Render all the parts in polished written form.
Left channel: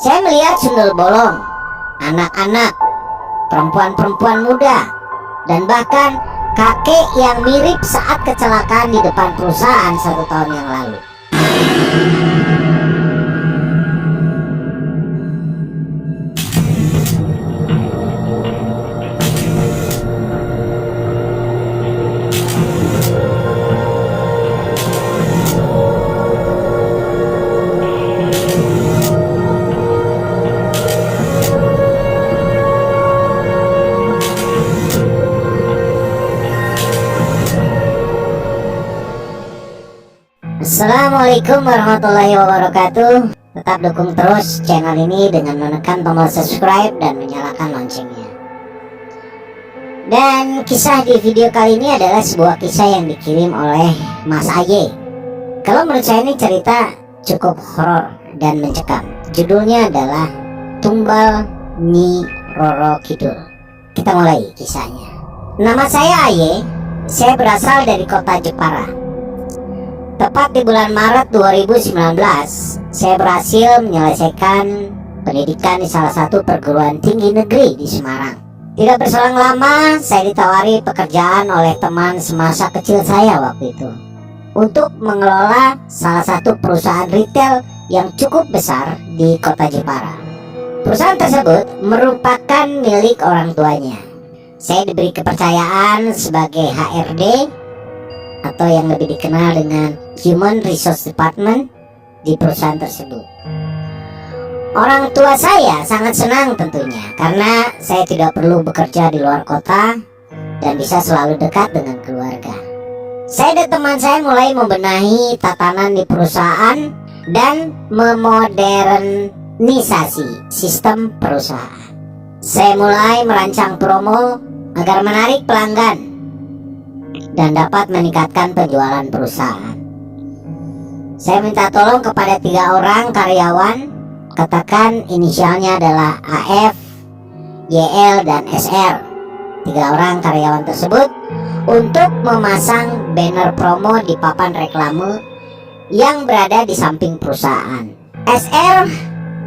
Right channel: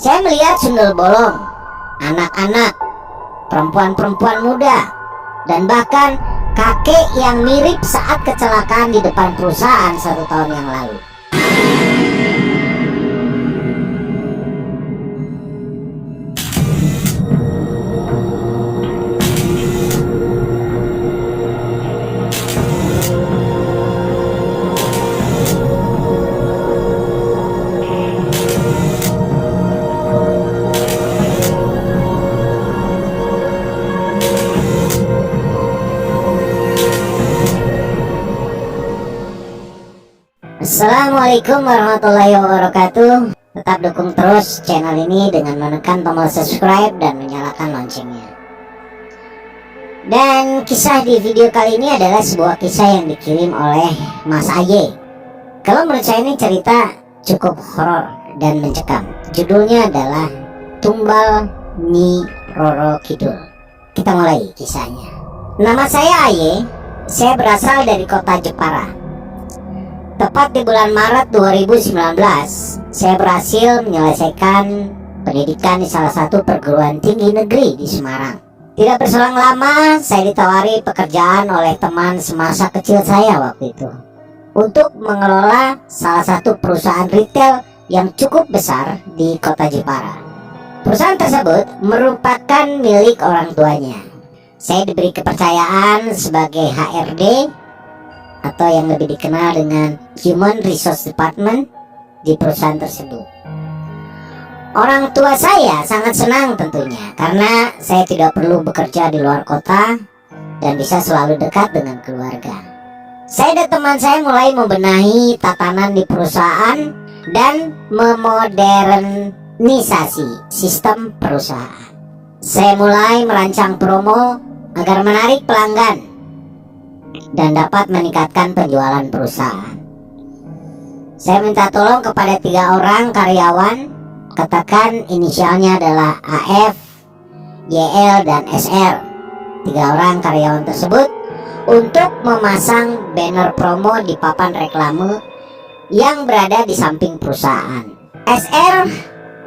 Saya melihat sundel bolong, anak-anak, perempuan-perempuan muda, dan bahkan kakek yang mirip saat kecelakaan di depan perusahaan 1 tahun yang lalu. Assalamualaikum warahmatullahi wabarakatuh. Tetap dukung terus channel ini dengan menekan tombol subscribe dan menyalakan loncengnya. Dan kisah di video kali ini adalah sebuah kisah yang dikirim oleh Mas Aye. Kalau menurut saya ini cerita cukup horor dan mencekam. Judulnya adalah Tumbal Nyi Roro Kidul. Kita mulai kisahnya. Nama saya Aye. Saya berasal dari kota Jepara. Tepat di bulan Maret 2019, saya berhasil menyelesaikan pendidikan di salah satu perguruan tinggi negeri di Semarang. Tidak berselang lama, saya ditawari pekerjaan oleh teman semasa kecil saya waktu itu untuk mengelola salah satu perusahaan retail yang cukup besar di kota Jepara. Perusahaan tersebut merupakan milik orang tuanya. Saya diberi kepercayaan sebagai HRD atau yang lebih dikenal dengan Human Resource Department di perusahaan tersebut. Orang tua saya sangat senang tentunya karena saya tidak perlu bekerja di luar kota dan bisa selalu dekat dengan keluarga. Saya dan teman saya mulai membenahi tatanan di perusahaan dan memodernisasi sistem perusahaan. Saya mulai merancang promo agar menarik pelanggan dan dapat meningkatkan penjualan perusahaan. Saya minta tolong kepada 3 orang karyawan, katakan inisialnya adalah AF, YL, dan SR. 3 orang karyawan tersebut untuk memasang banner promo di papan reklame yang berada di samping perusahaan. SR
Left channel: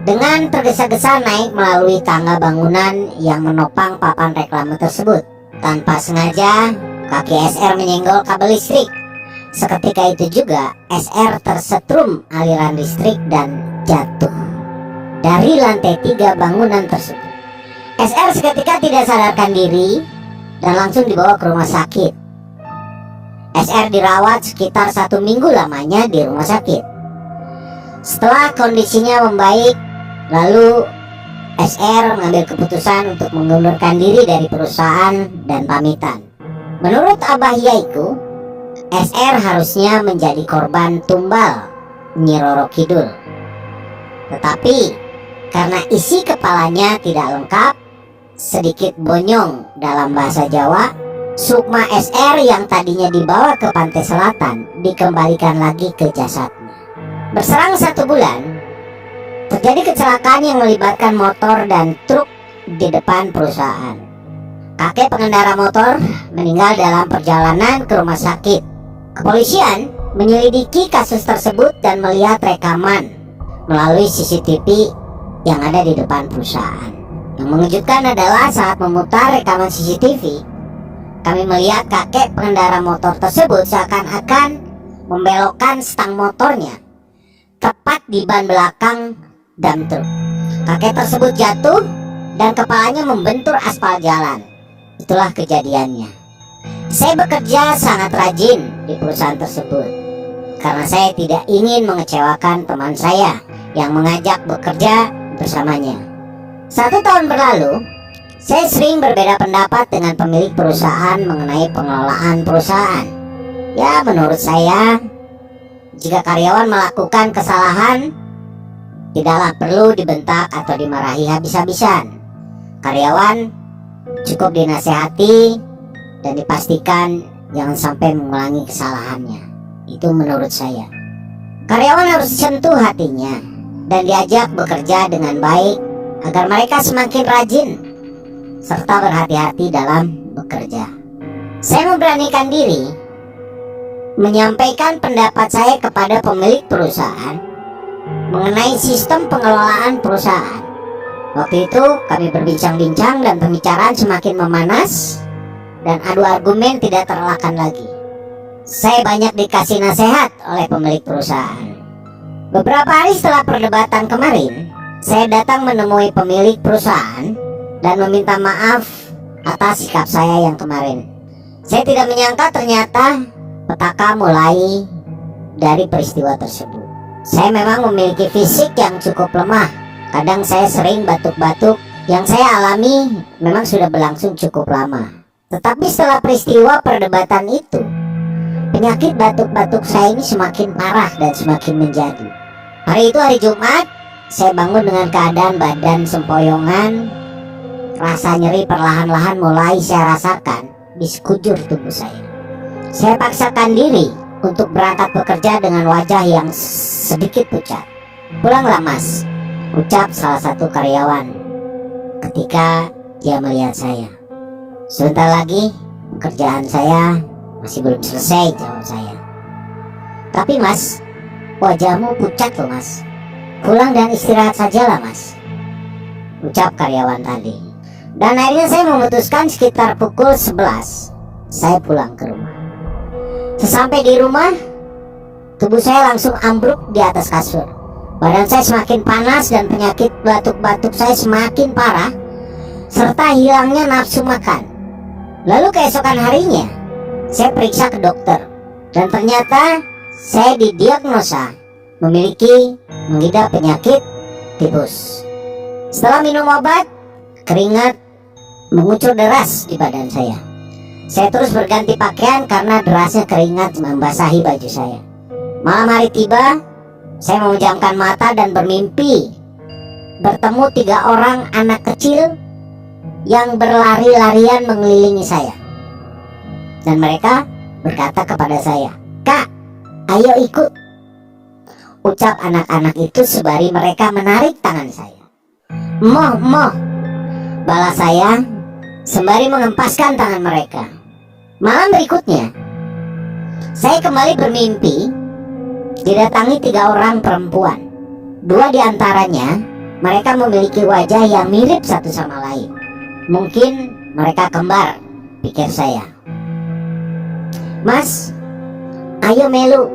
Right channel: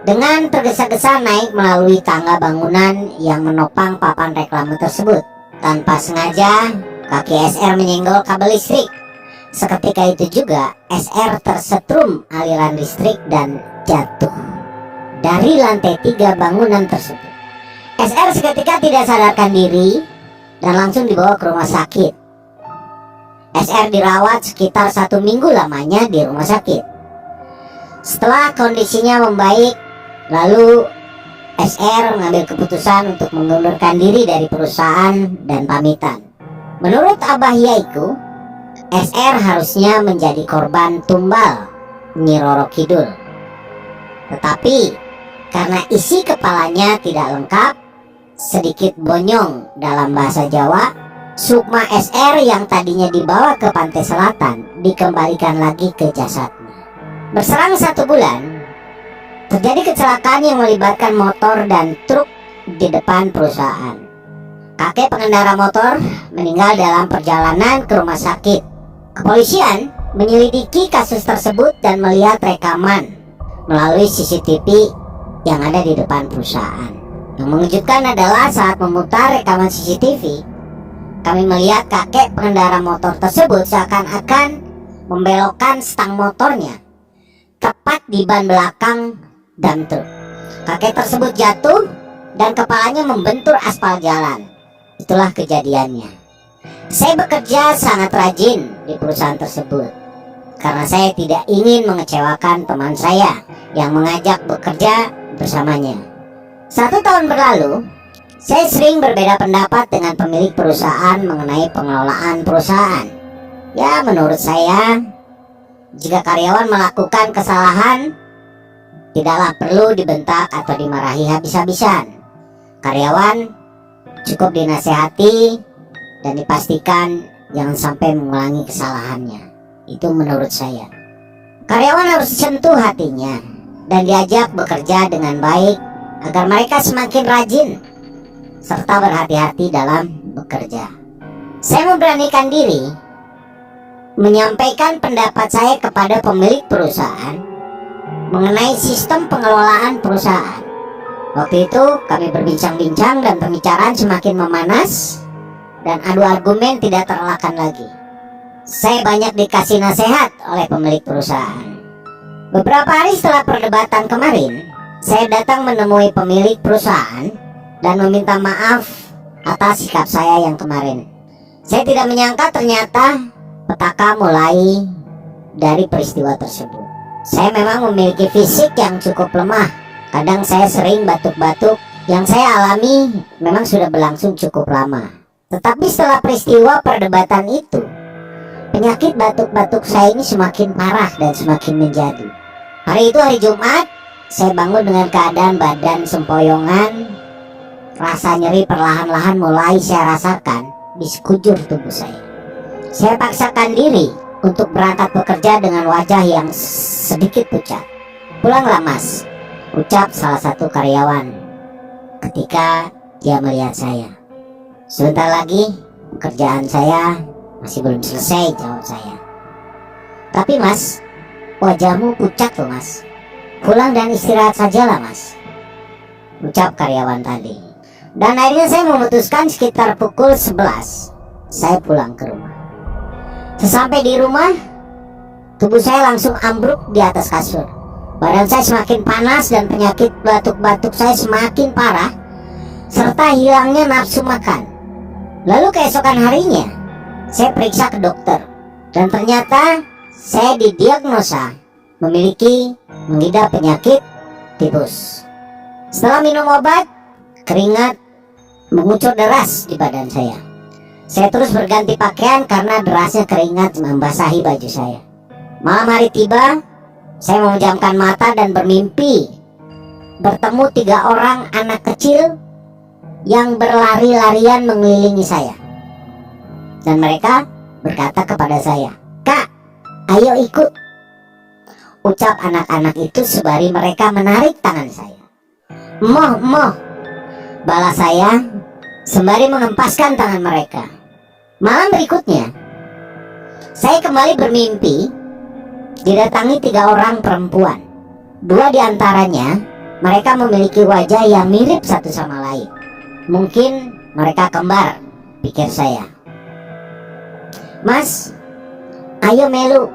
dengan tergesa-gesa naik melalui tangga bangunan yang menopang papan reklame tersebut. Tanpa sengaja, kaki SR menyenggol kabel listrik. Seketika itu juga SR tersetrum aliran listrik dan jatuh dari lantai 3 bangunan tersebut. SR seketika tidak sadarkan diri dan langsung dibawa ke rumah sakit. SR dirawat sekitar 1 minggu lamanya di rumah sakit. Setelah kondisinya membaik, lalu SR mengambil keputusan untuk mengundurkan diri dari perusahaan dan pamitan. Menurut Abah Yaiku, SR harusnya menjadi korban tumbal Nyi Roro Kidul. Tetapi karena isi kepalanya tidak lengkap, sedikit bonyong dalam bahasa Jawa, sukma SR yang tadinya dibawa ke pantai selatan dikembalikan lagi ke jasadnya. Berselang 1 bulan, terjadi kecelakaan yang melibatkan motor dan truk di depan perusahaan. Kakek pengendara motor meninggal dalam perjalanan ke rumah sakit. Kepolisian menyelidiki kasus tersebut dan melihat rekaman melalui CCTV yang ada di depan perusahaan. Yang mengejutkan adalah saat memutar rekaman CCTV, kami melihat kakek pengendara motor tersebut seakan-akan membelokkan stang motornya tepat di ban belakang dam truk. Kakek tersebut jatuh dan kepalanya membentur aspal jalan. Itulah kejadiannya. Saya bekerja sangat rajin di perusahaan tersebut karena saya tidak ingin mengecewakan teman saya yang mengajak bekerja bersamanya. 1 tahun berlalu, saya sering berbeda pendapat dengan pemilik perusahaan mengenai pengelolaan perusahaan. Ya, menurut saya, jika karyawan melakukan kesalahan, tidaklah perlu dibentak atau dimarahi habis-habisan. Karyawan cukup dinasehati dan dipastikan jangan sampai mengulangi kesalahannya. Itu menurut saya. Karyawan harus disentuh hatinya dan diajak bekerja dengan baik agar mereka semakin rajin serta berhati-hati dalam bekerja. Saya memberanikan diri menyampaikan pendapat saya kepada pemilik perusahaan mengenai sistem pengelolaan perusahaan. Waktu itu kami berbincang-bincang dan pembicaraan semakin memanas dan adu argumen tidak terelakkan lagi. Saya banyak dikasih nasihat oleh pemilik perusahaan. Beberapa hari setelah perdebatan kemarin, saya datang menemui pemilik perusahaan dan meminta maaf atas sikap saya yang kemarin. Saya tidak menyangka ternyata petaka mulai dari peristiwa tersebut. Saya memang memiliki fisik yang cukup lemah. Kadang saya sering batuk-batuk. Yang saya alami memang sudah berlangsung cukup lama. Tetapi setelah peristiwa perdebatan itu, penyakit batuk-batuk saya ini semakin parah dan semakin menjadi. Hari itu hari Jumat, saya bangun dengan keadaan badan sempoyongan. Rasa nyeri perlahan-lahan mulai saya rasakan di sekujur tubuh saya. Saya paksakan diri untuk berangkat bekerja dengan wajah yang sedikit pucat. "Pulanglah Mas," ucap salah satu karyawan ketika dia melihat saya. "Sebentar lagi pekerjaan saya masih belum selesai," jawab saya. "Tapi Mas, wajahmu pucat loh Mas. Pulang dan istirahat sajalah Mas," ucap karyawan tadi. Dan akhirnya saya memutuskan sekitar pukul 11 saya pulang ke rumah. Sesampai di rumah, tubuh saya langsung ambruk di atas kasur. Badan saya semakin panas dan penyakit batuk-batuk saya semakin parah, serta hilangnya nafsu makan. Lalu keesokan harinya, saya periksa ke dokter, dan ternyata saya didiagnosa memiliki mengidap penyakit tipus. Setelah minum obat, keringat mengucur deras di badan saya. Saya terus berganti pakaian karena derasnya keringat membasahi baju saya. Malam hari tiba, saya memejamkan mata dan bermimpi bertemu 3 orang anak kecil yang berlari-larian mengelilingi saya. Dan mereka berkata kepada saya, "Kak, ayo ikut," ucap anak-anak itu sembari mereka menarik tangan saya. "Moh, moh," balas saya sembari mengempaskan tangan mereka. Malam berikutnya, saya kembali bermimpi didatangi 3 orang perempuan. 2 diantaranya mereka memiliki wajah yang mirip satu sama lain. Mungkin mereka kembar, pikir saya. "Mas, ayo melu,"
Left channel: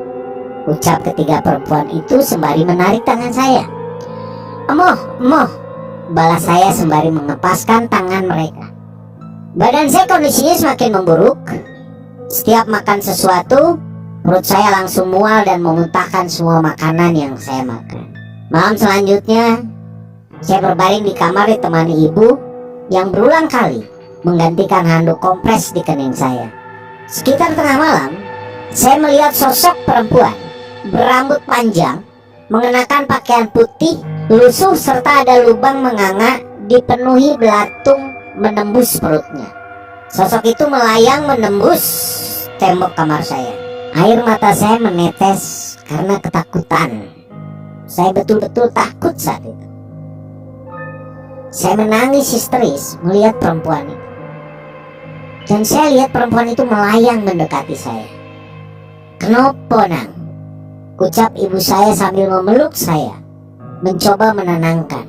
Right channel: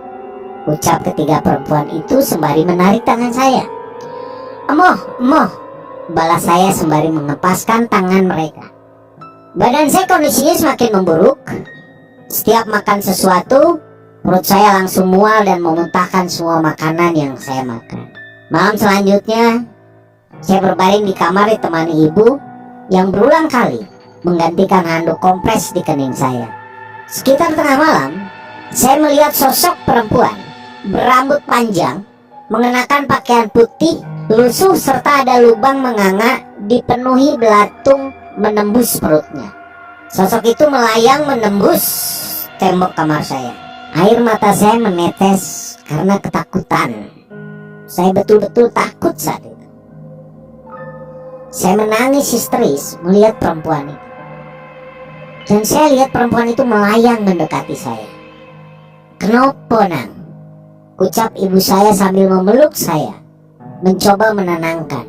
ucap ketiga perempuan itu sembari menarik tangan saya. "Emoh, emoh," balas saya sembari mengepaskan tangan mereka. Badan saya kondisinya semakin memburuk. Setiap makan sesuatu, perut saya langsung mual dan memuntahkan semua makanan yang saya makan. Malam selanjutnya, saya berbaring di kamar ditemani ibu yang berulang kali menggantikan handuk kompres di kening saya. Sekitar tengah malam, saya melihat sosok perempuan berambut panjang, mengenakan pakaian putih, lusuh serta ada lubang menganga dipenuhi belatung menembus perutnya. Sosok itu melayang menembus tembok kamar saya. Air mata saya menetes karena ketakutan. Saya betul-betul takut saat itu. Saya menangis histeris melihat perempuan itu. Dan saya lihat perempuan itu melayang mendekati saya. "Kenapa nang?" ucap ibu saya sambil memeluk saya, mencoba menenangkan.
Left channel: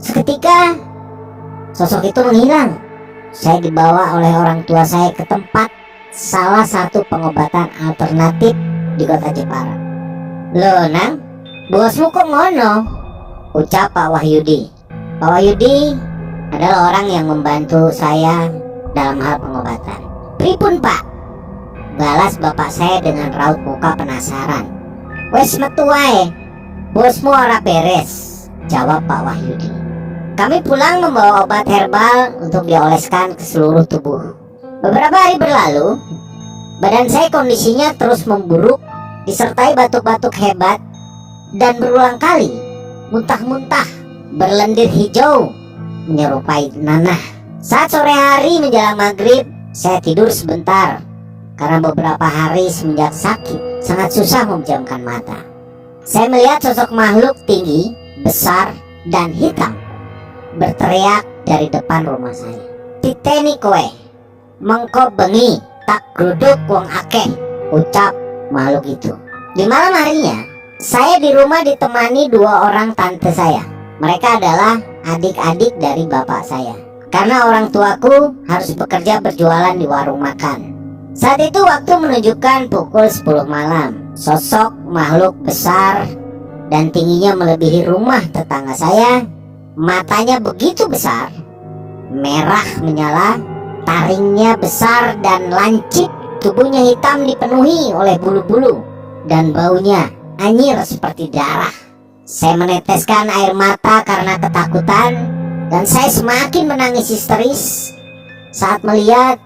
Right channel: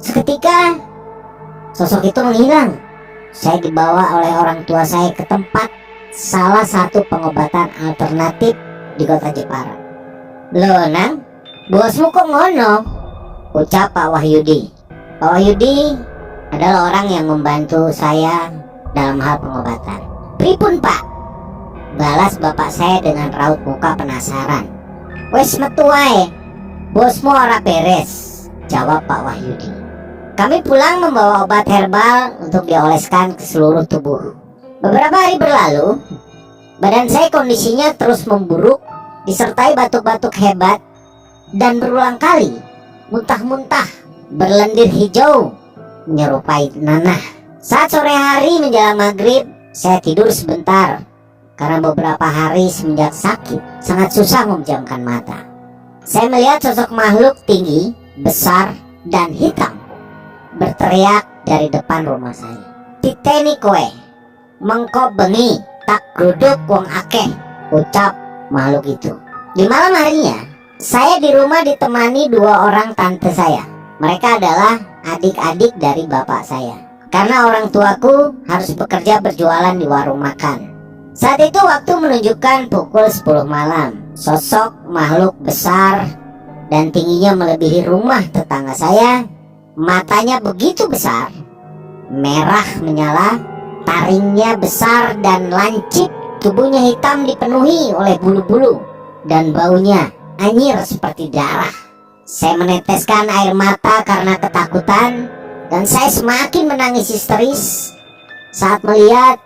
Seketika sosok itu menghilang. Saya dibawa oleh orang tua saya ke tempat salah satu pengobatan alternatif di kota Jepara. "Loh nang, bosmu kok ngono?" ucap Pak Wahyudi. Pak Wahyudi adalah orang yang membantu saya dalam hal pengobatan. "Pripun Pak?" balas bapak saya dengan raut muka penasaran. "Wes metu wae, bosmu ora beres," jawab Pak Wahyudi. Kami pulang membawa obat herbal untuk dioleskan ke seluruh tubuh. Beberapa hari berlalu, badan saya kondisinya terus memburuk, disertai batuk-batuk hebat, dan berulang kali muntah-muntah berlendir hijau menyerupai nanah. Saat sore hari menjelang maghrib, saya tidur sebentar karena beberapa hari semenjak sakit sangat susah memejamkan mata. Saya melihat sosok makhluk tinggi, besar, dan hitam berteriak dari depan rumah saya. "Titeni kowe, mengko bengi tak gruduk wong akeh," ucap makhluk itu. Di malam harinya, Saya di rumah ditemani dua orang tante saya. Mereka adalah adik-adik dari bapak saya. Karena orang tuaku harus bekerja berjualan di warung makan. Saat itu waktu menunjukkan pukul 10 malam. Sosok makhluk besar dan tingginya melebihi rumah tetangga saya. Matanya begitu besar, merah menyala, taringnya besar dan lancip. Tubuhnya hitam dipenuhi oleh bulu-bulu dan baunya anyir seperti darah. Saya meneteskan air mata karena ketakutan dan saya semakin menangis histeris saat melihat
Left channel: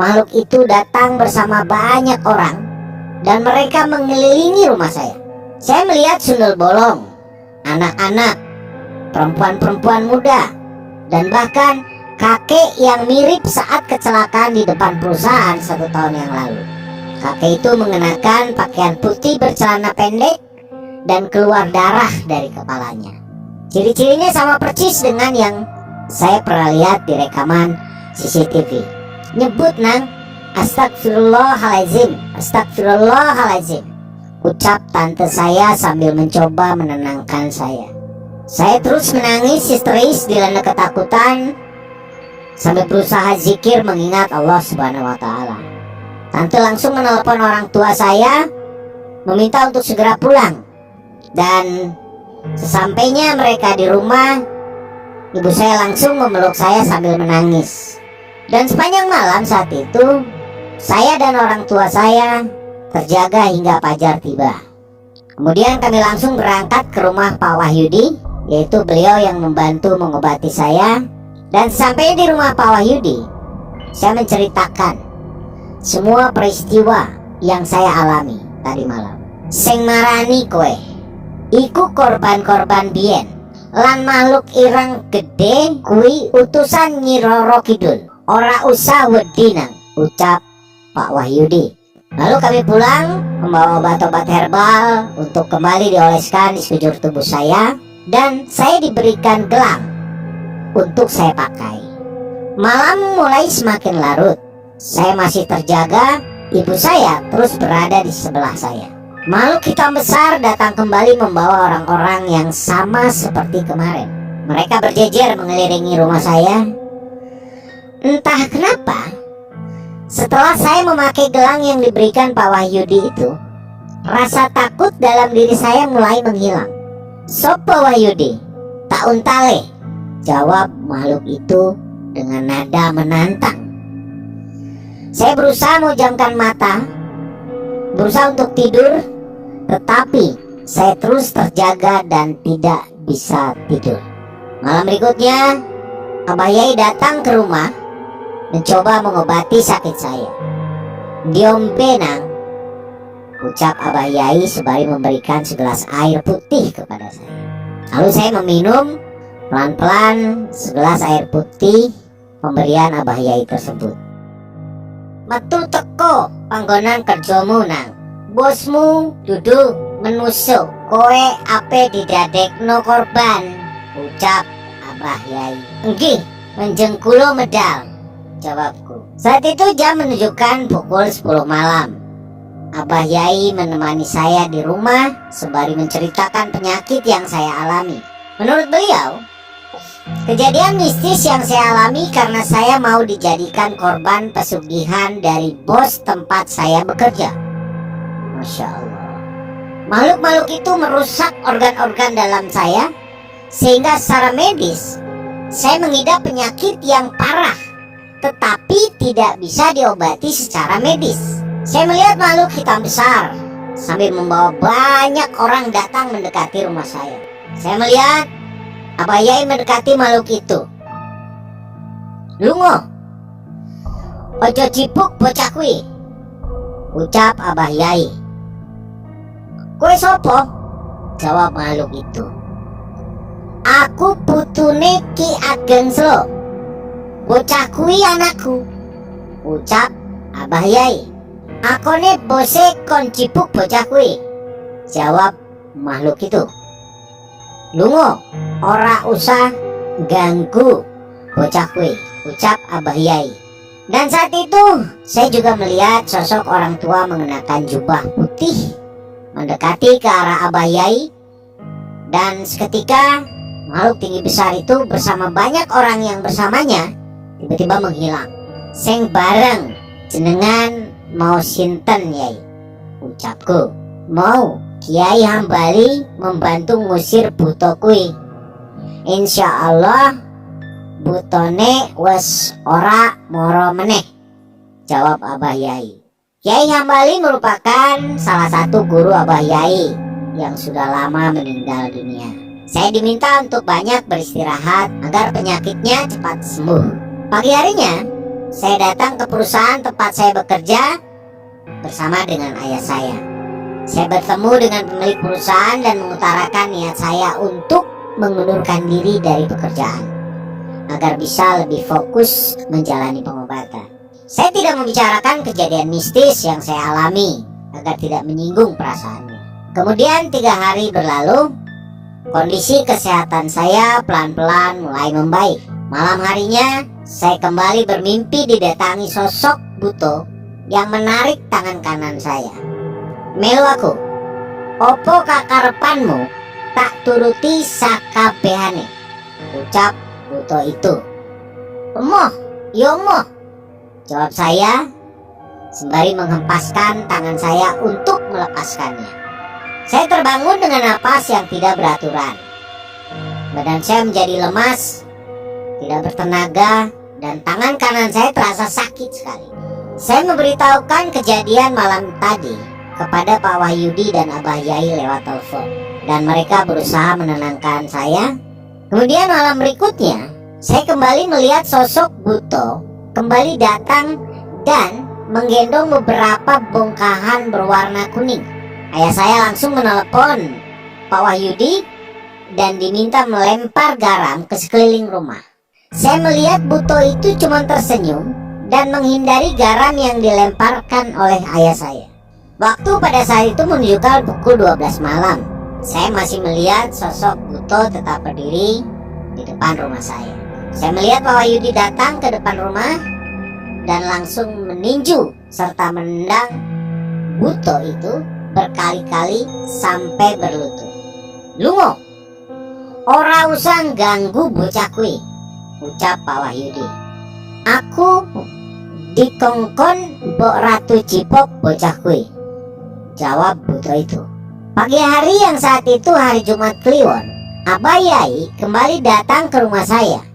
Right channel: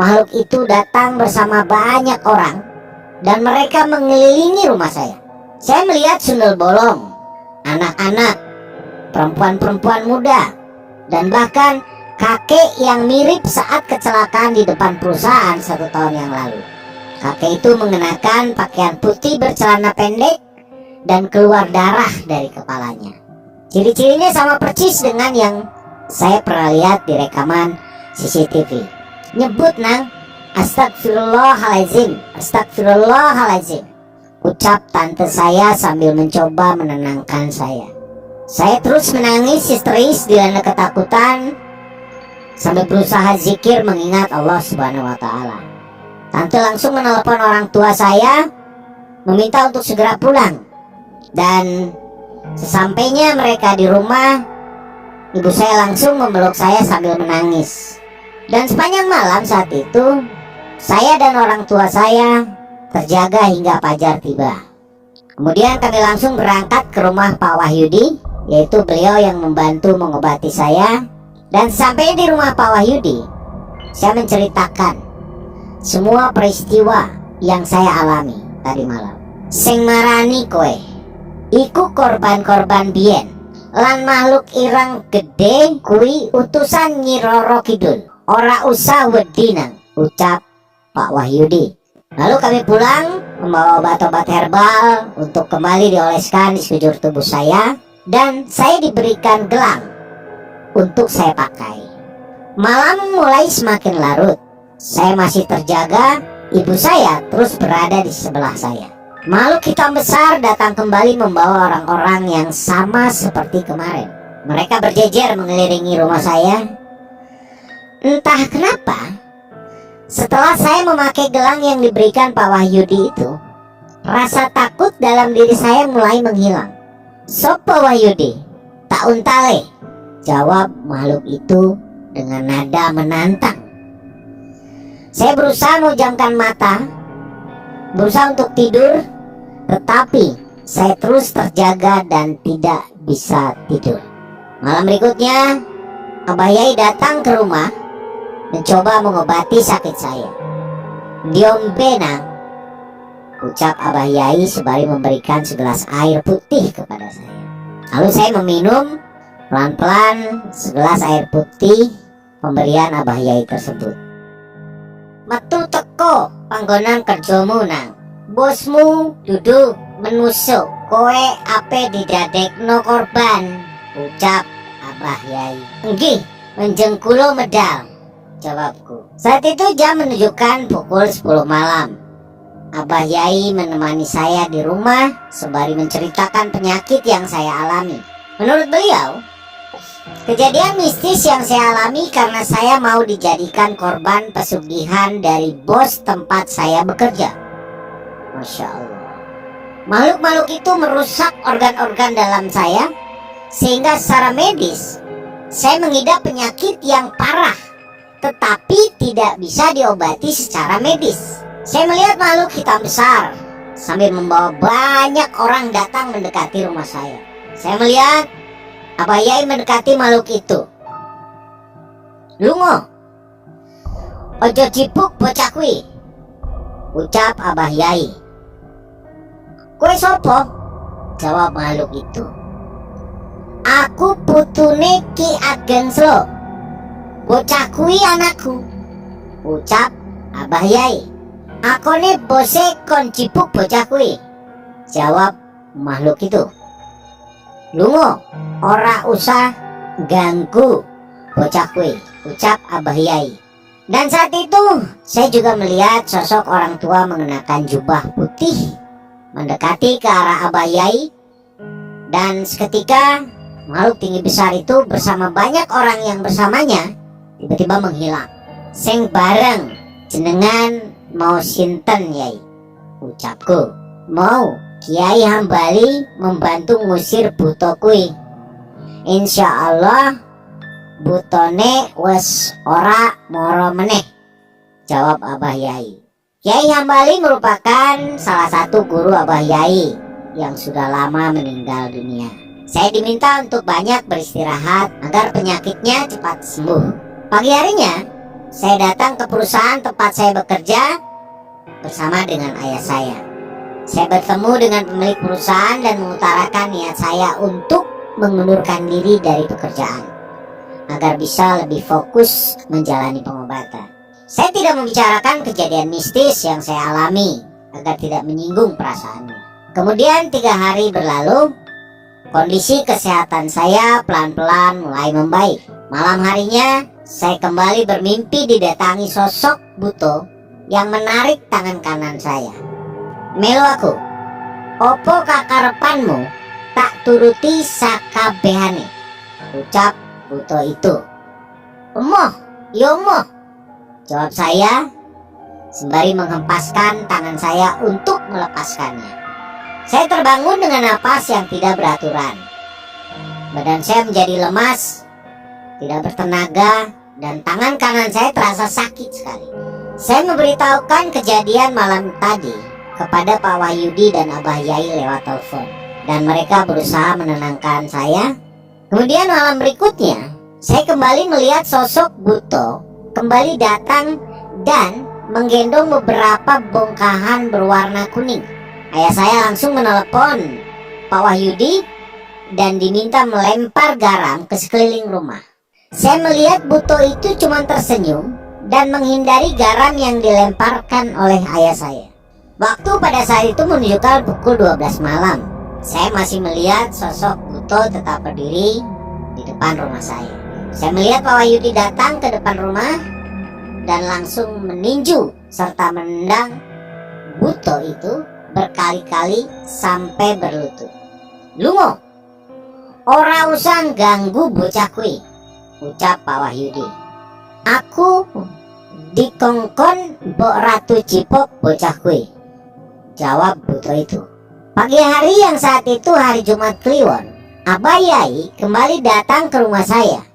makhluk itu datang bersama banyak orang dan mereka mengelilingi rumah saya. Saya melihat sundel bolong, anak-anak, perempuan-perempuan muda, dan bahkan kakek yang mirip saat kecelakaan di depan perusahaan 1 tahun yang lalu. Kakek itu mengenakan pakaian putih bercelana pendek dan keluar darah dari kepalanya. Ciri-cirinya sama persis dengan yang saya pernah lihat di rekaman CCTV. Nyebut nang, astagfirullahaladzim, astagfirullahaladzim, ucap tante saya sambil mencoba menenangkan saya. Saya terus menangis histeris dilanda ketakutan sambil berusaha zikir mengingat Allah Subhanahu wa Ta'ala. Tante langsung menelepon orang tua saya meminta untuk segera pulang. Dan sesampainya mereka di rumah, ibu saya langsung memeluk saya sambil menangis. Dan sepanjang malam saat itu, saya dan orang tua saya terjaga hingga fajar tiba. Kemudian kami langsung berangkat ke rumah Pak Wahyudi, yaitu beliau yang membantu mengobati saya. Dan sampai di rumah Pak Wahyudi, saya menceritakan semua peristiwa yang saya alami tadi malam. Sing marani kowe iku korban-korban biyen, lan makhluk ireng gede kui utusan Nyi Roro Kidul. Ora usah wedi nang, ucap Pak Wahyudi. Lalu kami pulang membawa obat-obat herbal untuk kembali dioleskan di sekujur tubuh saya. Dan saya diberikan gelang untuk saya pakai. Malam mulai semakin larut. Saya masih terjaga. Ibu saya terus berada di sebelah saya. Makhluk hitam besar datang kembali membawa orang-orang yang sama seperti kemarin. Mereka berjejer mengelilingi rumah saya. Entah kenapa, setelah saya memakai gelang yang diberikan Pak Wahyudi itu, rasa takut dalam diri saya mulai menghilang. Sopo Wahyudi, tak untale, jawab makhluk itu dengan nada menantang. Saya berusaha memejamkan mata, berusaha untuk tidur, tetapi saya terus terjaga dan tidak bisa tidur. Malam berikutnya, Abah Yai datang ke rumah mencoba mengobati sakit saya. Diombe nang, ucap Abah Yai sembari memberikan segelas air putih kepada saya. Lalu saya meminum pelan-pelan segelas air putih pemberian Abah Yai tersebut. Metu teko panggonan kerjomu nang, bosmu duduk menusuk, kowe ape didadekno korban, ucap Abah Yai. Enggih, menjengkulo medal, jawabku. Saat itu jam menunjukkan pukul 10 malam. Abah Yai menemani saya di rumah sembari menceritakan penyakit yang saya alami. Menurut beliau, kejadian mistis yang saya alami karena saya mau dijadikan korban pesugihan dari bos tempat saya bekerja. Masya Allah. Makhluk-makhluk itu merusak organ-organ dalam saya, sehingga secara medis saya mengidap penyakit yang parah, tetapi tidak bisa diobati secara medis. Saya melihat makhluk hitam besar sambil membawa banyak orang datang mendekati rumah saya. Saya melihat Abah Yai mendekati makhluk itu. Lungo, ojo cipuk bocah kuwi, ucap Abah Yai. Kowe sopo? Jawab makhluk itu. Aku putune Ki Ageng Slo. Bocah kuwi anakku, ucap Abah Yai. Akone bose kon cipuk bocah kuwi, jawab makhluk itu. Lungo, ora usah ganggu bocah kuwi, ucap Abah Yai. Dan saat itu saya juga melihat sosok orang tua mengenakan jubah putih mendekati ke arah Abah Yai, dan seketika makhluk tinggi besar itu bersama banyak orang yang bersamanya tiba-tiba menghilang. "Seng bareng, jenengan mau sinten Yai?" ucapku. "Mau Kiai Hambali membantu ngusir buto kui. Insya Allah butone wes ora moro meneh," jawab Abah Yai. Kiai Hambali merupakan salah satu guru Abah Yai yang sudah lama meninggal dunia. Saya diminta untuk banyak beristirahat agar penyakitnya cepat sembuh. Pagi harinya, saya datang ke perusahaan tempat saya bekerja bersama dengan ayah saya. Saya bertemu dengan pemilik perusahaan dan mengutarakan niat saya untuk mengundurkan diri dari pekerjaan agar bisa lebih fokus menjalani pengobatan. Saya tidak membicarakan kejadian mistis yang saya alami agar tidak menyinggung perasaannya. Kemudian 3 hari berlalu, kondisi kesehatan saya pelan-pelan mulai membaik. Malam harinya, saya kembali bermimpi didatangi sosok buto yang menarik tangan kanan saya. "Melu aku, opo kakarepanmu tak turuti sakabehane," ucap buto itu. "Emoh, yo emoh," jawab saya sembari menghempaskan tangan saya untuk melepaskannya. Saya terbangun dengan napas yang tidak beraturan. Badan saya menjadi lemas, tidak bertenaga, dan tangan kanan saya terasa sakit sekali. Saya memberitahukan kejadian malam tadi kepada Pak Wahyudi dan Abah Yai lewat telepon, dan mereka berusaha menenangkan saya. Kemudian malam berikutnya, saya kembali melihat sosok buto kembali datang dan menggendong beberapa bongkahan berwarna kuning. Ayah saya langsung menelepon Pak Wahyudi dan diminta melempar garam ke sekeliling rumah. Saya melihat buto itu cuma tersenyum dan menghindari garam yang dilemparkan oleh ayah saya. Waktu pada saat itu menunjukkan pukul 12 malam. Saya masih melihat sosok buto tetap berdiri di depan rumah saya. Saya melihat Pak Wahyudi datang ke depan rumah dan langsung meninju serta menendang buto itu berkali-kali sampai berlutut. "Lungo, ora usah ganggu bocah kui," ucap Pak Wahyudi. "Aku dikongkon Mbok Ratu Cipok bocah kui," jawab buto itu. Pagi hari yang saat itu hari Jumat Kliwon, Abah Yai kembali datang ke rumah saya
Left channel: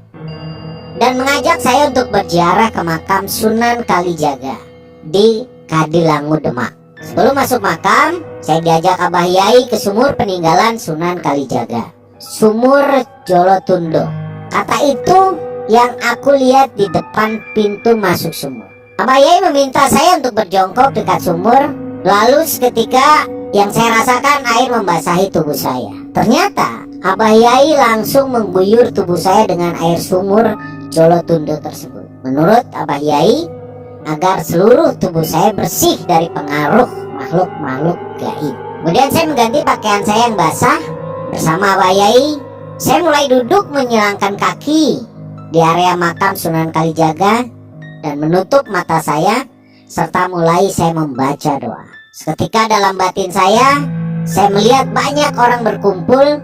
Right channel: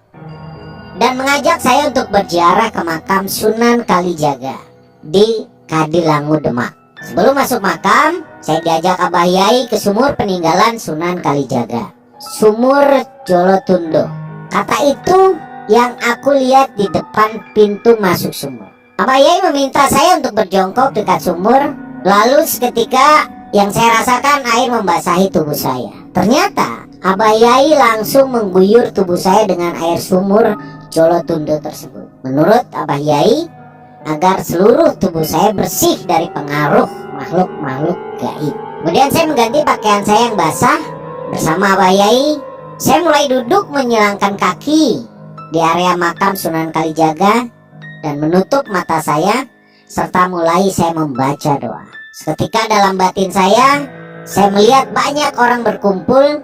dan mengajak saya untuk berziarah ke makam Sunan Kalijaga di Kadilangu, Demak. Sebelum masuk makam, saya diajak Abah Yai ke sumur peninggalan Sunan Kalijaga, Sumur Jolotundo. Kata itu yang aku lihat di depan pintu masuk sumur. Abah Yai meminta saya untuk berjongkok dekat sumur. Lalu seketika yang saya rasakan air membasahi tubuh saya. Ternyata Abah Yai langsung mengguyur tubuh saya dengan air sumur Jolotundo tersebut. Menurut Abah Yai, agar seluruh tubuh saya bersih dari pengaruh makhluk-makhluk gaib. Kemudian saya mengganti pakaian saya yang basah. Bersama Abah Yai, saya mulai duduk menyilangkan kaki di area makam Sunan Kalijaga dan menutup mata saya, serta mulai saya membaca doa. Seketika dalam batin saya melihat banyak orang berkumpul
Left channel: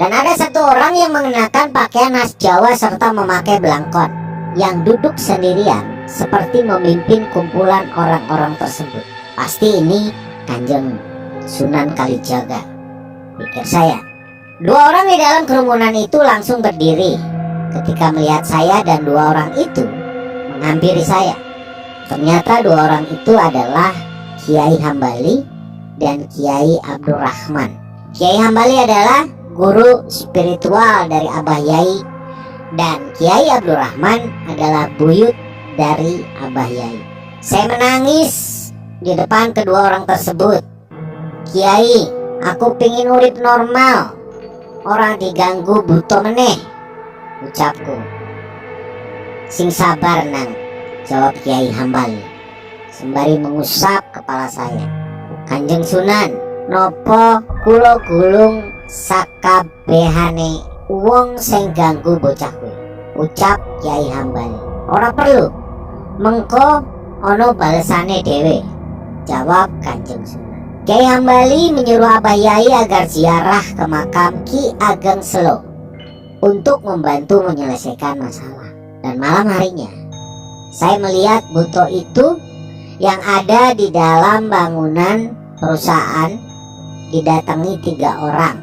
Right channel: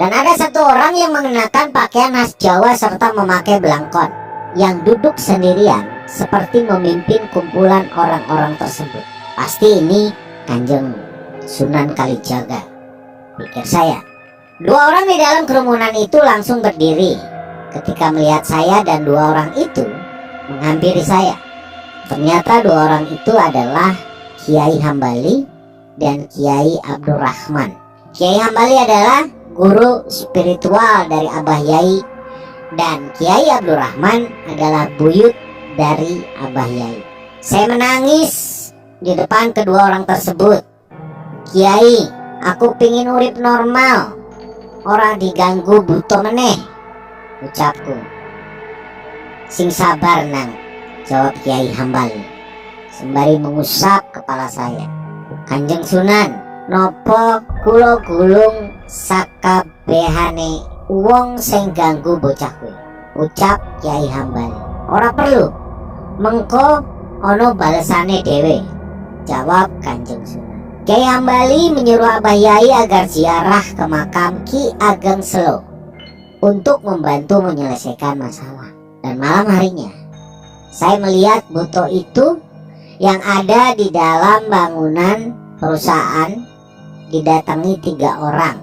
dan ada satu orang yang mengenakan pakaian khas Jawa serta memakai belangkon yang duduk sendirian seperti memimpin kumpulan orang-orang tersebut. Pasti ini Kanjeng Sunan Kalijaga, pikir saya. 2 orang di dalam kerumunan itu langsung berdiri ketika melihat saya dan 2 orang itu menghampiri saya. Ternyata 2 orang itu adalah Kiai Hambali dan Kiai Abdurrahman. Kiai Hambali adalah guru spiritual dari Abah Yai dan Kiai Abdurrahman adalah buyut dari Abah Yai. Saya menangis di depan kedua orang tersebut. "Kiai, aku pingin urip normal, orang diganggu buto meneh," ucapku. "Sing sabar nang," jawab Kiai Hambali sembari mengusap kepala saya. "Kanjeng Sunan, nopo kulo gulung sakabehane wong sing ganggu bocah kuwi," ucap Kiai Hambali. "Ora perlu, mengko ono balesane dhewe," jawab Kanjeng Sunan. Kiai Hambali menyuruh Abah Yai agar ziarah ke makam Ki Ageng Selo untuk membantu menyelesaikan masalah. Dan malam harinya saya melihat buto itu yang ada di dalam bangunan perusahaan didatangi 3 orang,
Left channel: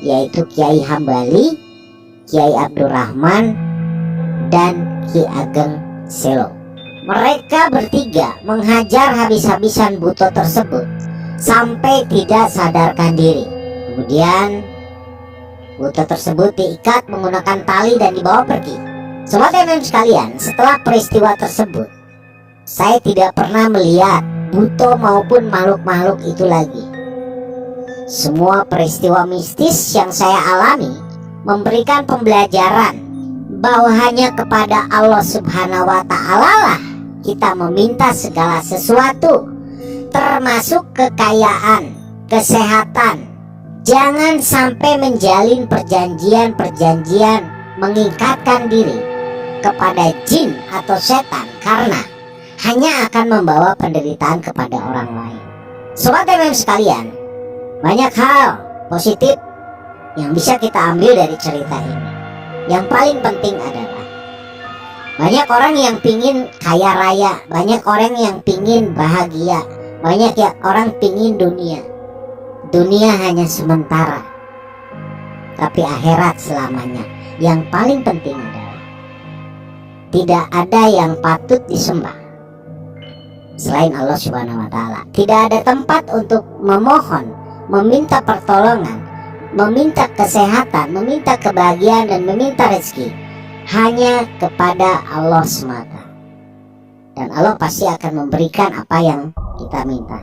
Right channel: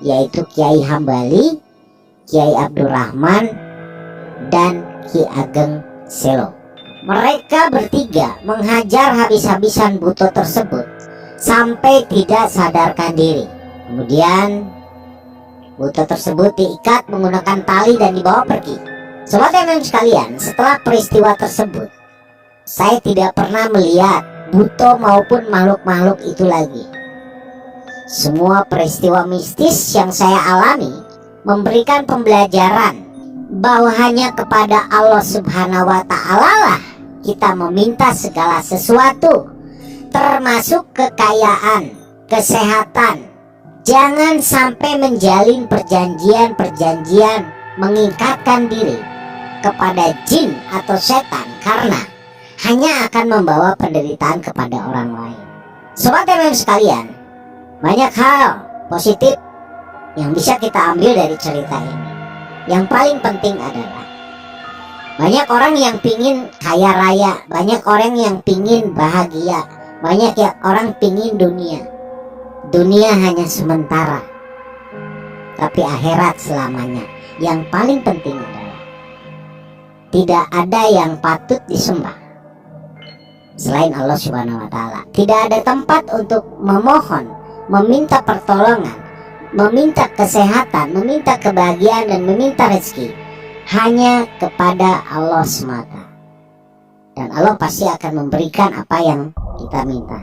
yaitu Kiai Hambali, Kiai Abdurrahman, dan Ki Ageng Selo. Mereka bertiga menghajar habis-habisan buto tersebut sampai tidak sadarkan diri. Kemudian buto tersebut diikat menggunakan tali dan dibawa pergi. Sobat MM sekalian, setelah peristiwa tersebut saya tidak pernah melihat buto maupun makhluk-makhluk itu lagi. Semua peristiwa mistis yang saya alami memberikan pembelajaran bahwa hanya kepada Allah Subhanahu wa Ta'ala lah kita meminta segala sesuatu, termasuk kekayaan, kesehatan. Jangan sampai menjalin perjanjian-perjanjian mengikatkan diri kepada jin atau setan, karena hanya akan membawa penderitaan kepada orang lain. Sobat MM sekalian, banyak hal positif yang bisa kita ambil dari cerita ini. Yang paling penting adalah banyak orang yang pingin kaya raya, banyak orang yang pingin bahagia, banyak orang pingin dunia. Dunia hanya sementara, tapi akhirat selamanya. Yang paling penting adalah tidak ada yang patut disembah selain Allah Subhanahu wa Ta'ala. Tidak ada tempat untuk memohon, meminta pertolongan, meminta kesehatan, meminta kebahagiaan, dan meminta rezeki hanya kepada Allah semata. Dan Allah pasti akan memberikan apa yang kita minta.